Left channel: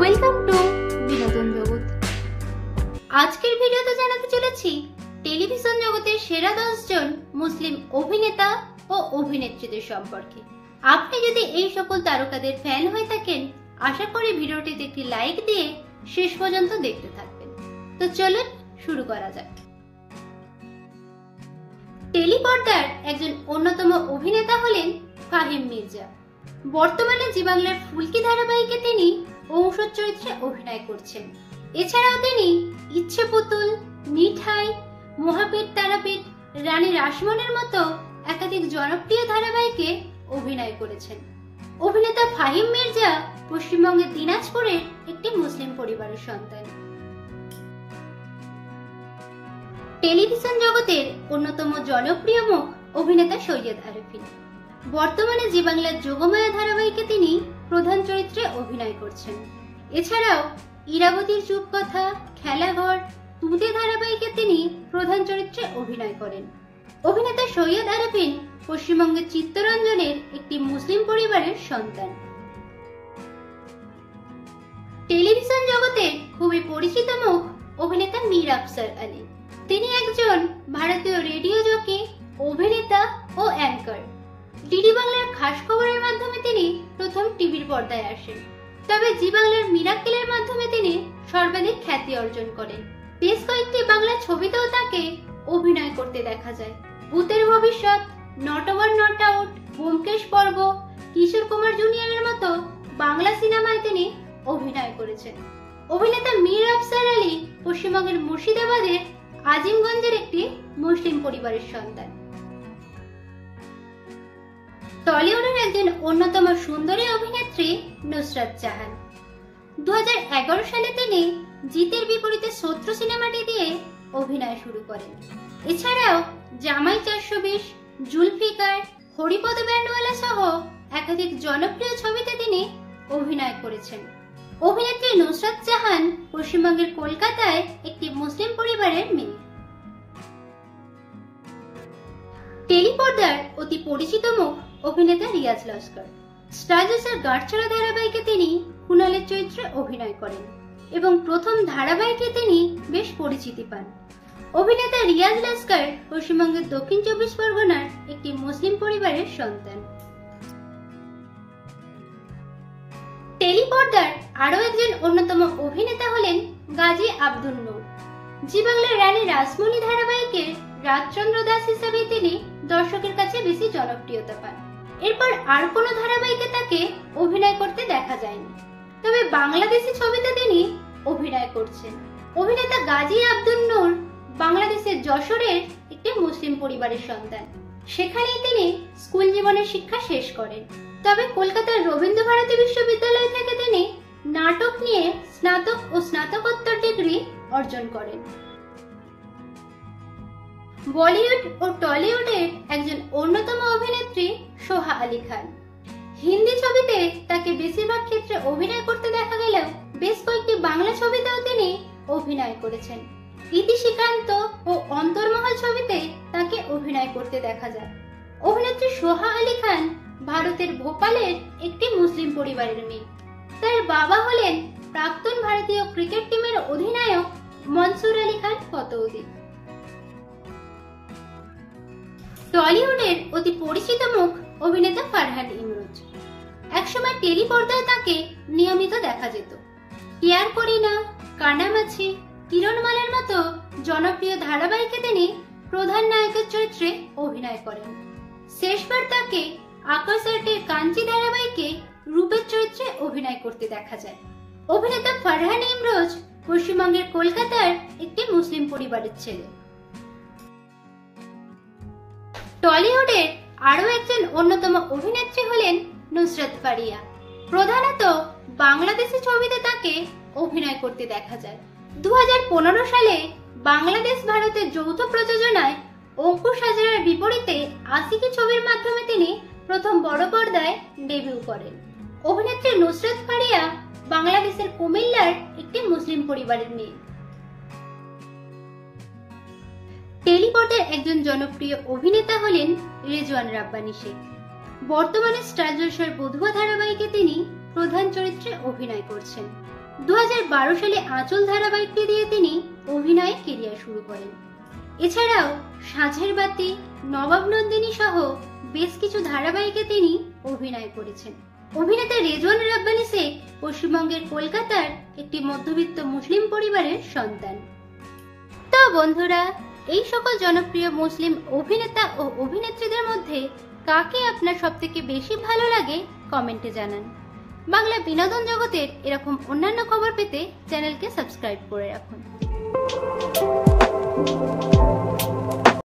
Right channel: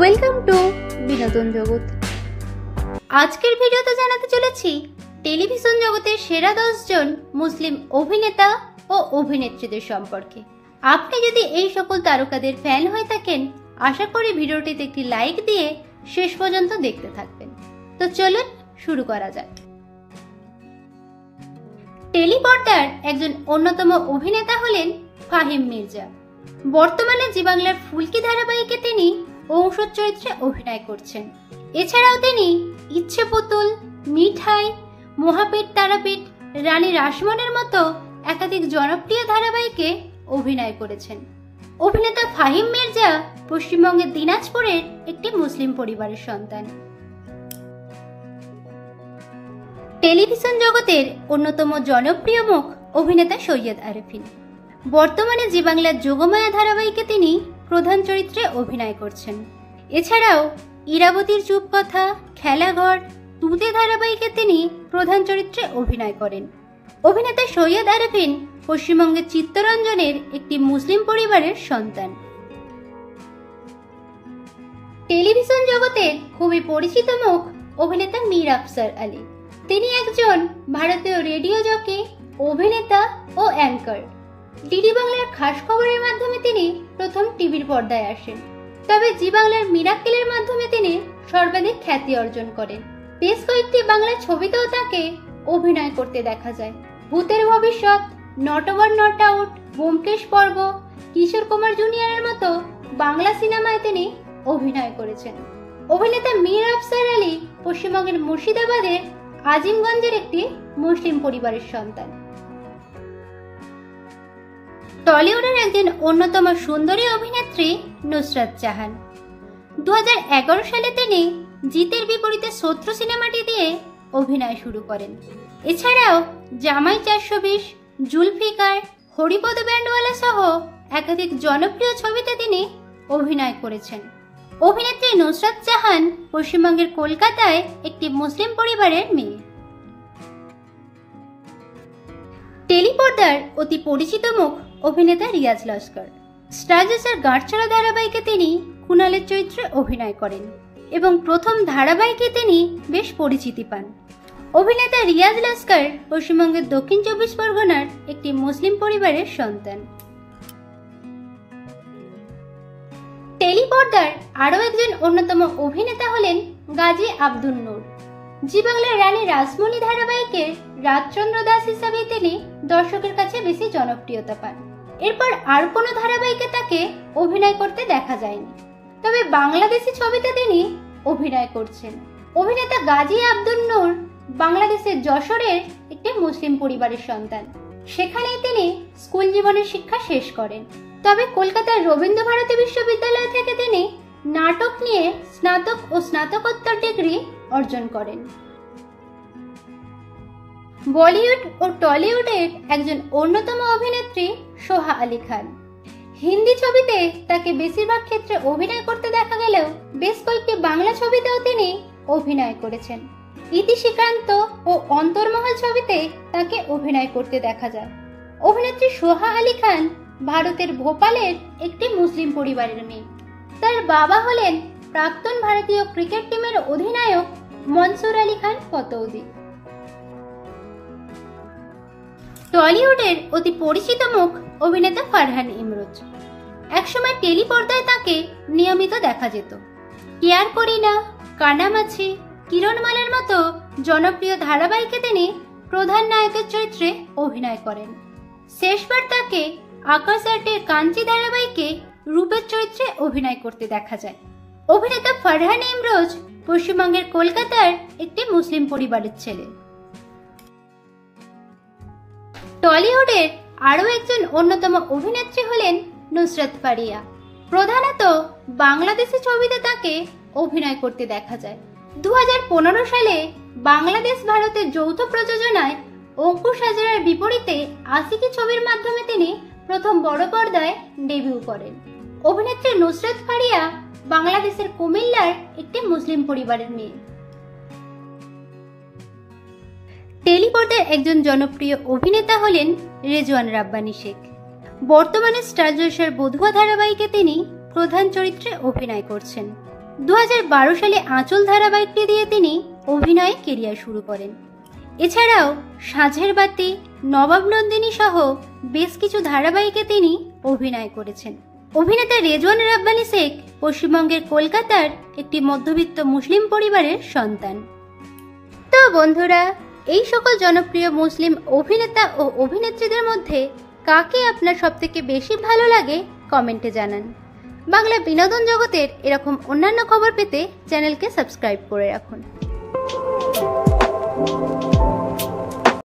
Welcome to বিনোদন জগৎ। আজকের ভিডিওতে জানাতে চলেছি টেলিভিশন জগতের সেরা 10 জন মুসলিম অভিনেতা ও অভিনেত্রীদের সম্পর্কে। আপনি যদি এই সকল তারকাদের ফ্যান হয়ে থাকেন, আশা করি ভিডিওটিতে একটি লাইক দিয়ে শেষ পর্যন্ত দেখতে থাকবেন। তো চলুন শুরু করা যাক। টেলিপর্দার একজন অন্যতম অভিনেতা হলেন ফাহিম মির্জা। বর্তমানে জি বাংলার ফুলকি ধারাবাহিকে তিনি ঔষধ চরিত্রে অভিনয় করছেন। এছাড়াও তিনি ইচ্ছে পুতুল, মিঠাই, মহাপেট তারাপীঠ, রানী রাসমনের মতো একাধিক জনপ্রিয় ধারাবাহিকে অভিনয় করেছেন। অভিনেতা ফাহিম মির্জা পশ্চিমবঙ্গের দিনাজপুরের একটি মুসলিম পরিবারের সন্তান। টেলিভিশন জগতের অন্যতম জনপ্রিয় মুখ অভিনেতা সৈয়দ আরফিন। বর্তমানে জি বাংলার যোগমায়া ধারাবাহিকে তিনি প্রধান চরিত্রে অভিনয় করছেন। এছাড়াও ইরাবতীর চুপকথা, খেলাঘর, তুতে ধারাবাহিকে তিনি প্রধান চরিত্রে অভিনয় করেন। অভিনেতা সৈয়দ আরফিন পশ্চিমবঙ্গের চিত্তরঞ্জনের একটি মুসলিম পরিবারের সন্তান। টেলিভিশন জগতের খুবই পরিচিত মুখ অভিনেতা মীর আফসার আলী। তিনি একজন ভারতীয় রেডিও জকি, অভিনেতা ও অ্যাঙ্কার। ডিডি বাংলার খাস খবরের মাধ্যমে তিনি প্রথম টিভির পর্দায় আসেন। তবে জি বাংলার মিরাক্কেলের মাধ্যমে তিনি সর্বাধিক খ্যাতি অর্জন করেন। বেশ কয়েকটি বাংলা ছবিতেও তাকে অভিনয় করতে দেখা যায়। ভূতের ভবিষ্যৎ, not over not out, Byomkesh পর্ব, কিশোর কুমার জুনিয়রের মতো বাংলা সিনেমায় তিনি অভিনয় করেছেন। অভিনেতা মীর আফসার আলী পশ্চিমবঙ্গের মুর্শিদাবাদের আজিমগঞ্জের একটি মুসলিম পরিবারের সন্তান। টলিউডের একজন অন্যতম সুন্দরী অভিনেত্রী নুসরাত জাহান। 2011 সালে তিনি জিতের বিপরীতে শত্রু সিনেমাটি দিয়ে অভিনয় শুরু করেন। এছাড়াও জামাই 420, জুলফিকার, হরিপদ ব্যান্ডওয়ালা সহ একাধিক জনপ্রিয় ছবিতে তিনি অভিনয় করেছেন। অভিনেত্রী নুসরাত জাহান পশ্চিমবঙ্গের কলকাতায় একটি মুসলিম পরিবারের মেয়ে। টেলিপর্দার অতি পরিচিত মুখ অভিনেতা রিয়াজ লস্কর। স্টার জলসার গাঁটছড়া ধারাবাহিকে তিনি কুণালের চরিত্রে অভিনয় করেন এবং প্রথম ধারাবাহিকে তিনি বেশ পরিচিতি পান। অভিনেতা রিয়াজ লস্কর পশ্চিমবঙ্গের দক্ষিণ 24 পরগনার একটি মুসলিম পরিবারের সন্তান। টেলিপর্দার আরও একজন অন্যতম অভিনেতা হলেন গাজী আব্দুল নূর। জি বাংলার রানী রাসমণি ধারাবাহিকে রাজচন্দ্র দাস হিসাবে তিনি দর্শকের কাছে বেশি জনপ্রিয়তা পান। এরপর আর কোনো ধারাবাহিকে তাকে অভিনয় করতে দেখা যায়নি। তবে বাংলাদেশি ছবিতে তিনি অভিনয় করছেন। অভিনেতা গাজী আব্দুল নূর বাংলাদেশের যশোরের একটি মুসলিম পরিবারের সন্তান। সেখানেই তিনি স্কুল জীবনের শিক্ষা শেষ করেন। তবে কলকাতার রবীন্দ্রভারতী বিশ্ববিদ্যালয় থেকে তিনি নাটক নিয়ে স্নাতক ও স্নাতকোত্তর ডিগ্রি অর্জন করেন। বলিউড ও টলিউডের একজন অন্যতম অভিনেত্রী সোহা আলী খান। হিন্দি ছবিতে তাকে বেশিরভাগ ক্ষেত্রে অভিনয় করতে দেখা গেলেও বেশ কয়েকটি বাংলা ছবিতেও তিনি অভিনয় করেছেন। ইতি শ্রীকান্ত ও অন্তর্মহল ছবিতে তাকে অভিনয় করতে দেখা যায়। অভিনেত্রী সোহা আলী খান ভারতের ভোপালের একটি মুসলিম পরিবারের মেয়ে। তার বাবা হলেন প্রাক্তন ভারতীয় ক্রিকেট টিমের অধিনায়ক মনসুর আলী খান পতৌদি। টলিউডের অতি পরিচিত মুখ অভিনেতা ফারহান ইমরোজ। একসময় টেলিপর্দায় তাকে নিয়মিত দেখা যেত। কেয়ার করি না, কানামাছি, কিরণমালের মতো জনপ্রিয় ধারাবাহিকে তিনি প্রধান নায়কের চরিত্রে অভিনয় করেন। শেষবার তাকে আকাশ আর্টের কাঞ্চি ধারাবাহিকে রূপের চরিত্রে অভিনয় করতে দেখা যায়। অভিনেতা ফারহান ইমরোজ পশ্চিমবঙ্গের কলকাতার একটি মুসলিম পরিবারের ছেলে। টলিউডের আরও একজন অন্যতম অভিনেত্রী হলেন নুসরাত ফারিয়া। প্রধানত বাংলাদেশি ছবিতে তাকে অভিনয় করতে দেখা যায়। 2015 সালে বাংলাদেশ ভারতের যৌথ প্রযোজনায় অঙ্কুশ হাজরার বিপরীতে আশিকি ছবির মাধ্যমে তিনি প্রথম বড় পর্দায় ডেবিউ করেন। অভিনেত্রী নুসরাত ফারিয়া বাংলাদেশের কুমিল্লার একটি মুসলিম পরিবারের মেয়ে। টেলিপর্দার একজন জনপ্রিয় অভিনেতা হলেন রেজওয়ান রাব্বানী শেখ। বর্তমানে স্টার জলসার বধুয়া ধারাবাহিকে তিনি প্রধান চরিত্রে অভিনয় করছেন। 2012 সালে আঁচল ধারাবাহিকটি দিয়ে তিনি অভিনয়ে কেরিয়ার শুরু করেন। এছাড়াও সাঁঝের বাতি, নবাব নন্দিনী সহ বেশ কিছু ধারাবাহিকে তিনি অভিনয় করেছেন। অভিনেতা রেজওয়ান রাব্বানী শেখ পশ্চিমবঙ্গের কলকাতার একটি মধ্যবিত্ত মুসলিম পরিবারের সন্তান। তো বন্ধুরা, এই সকল জনপ্রিয় মুসলিম অভিনেতা ও অভিনেত্রীদের মধ্যে কাকে আপনার সবথেকে বেশি ভালো লাগে কমেন্টে জানান। বাংলা বিনোদন জগতের এরকম অন্যান্য খবর পেতে চ্যানেলকে সাবস্ক্রাইব করে রাখুন।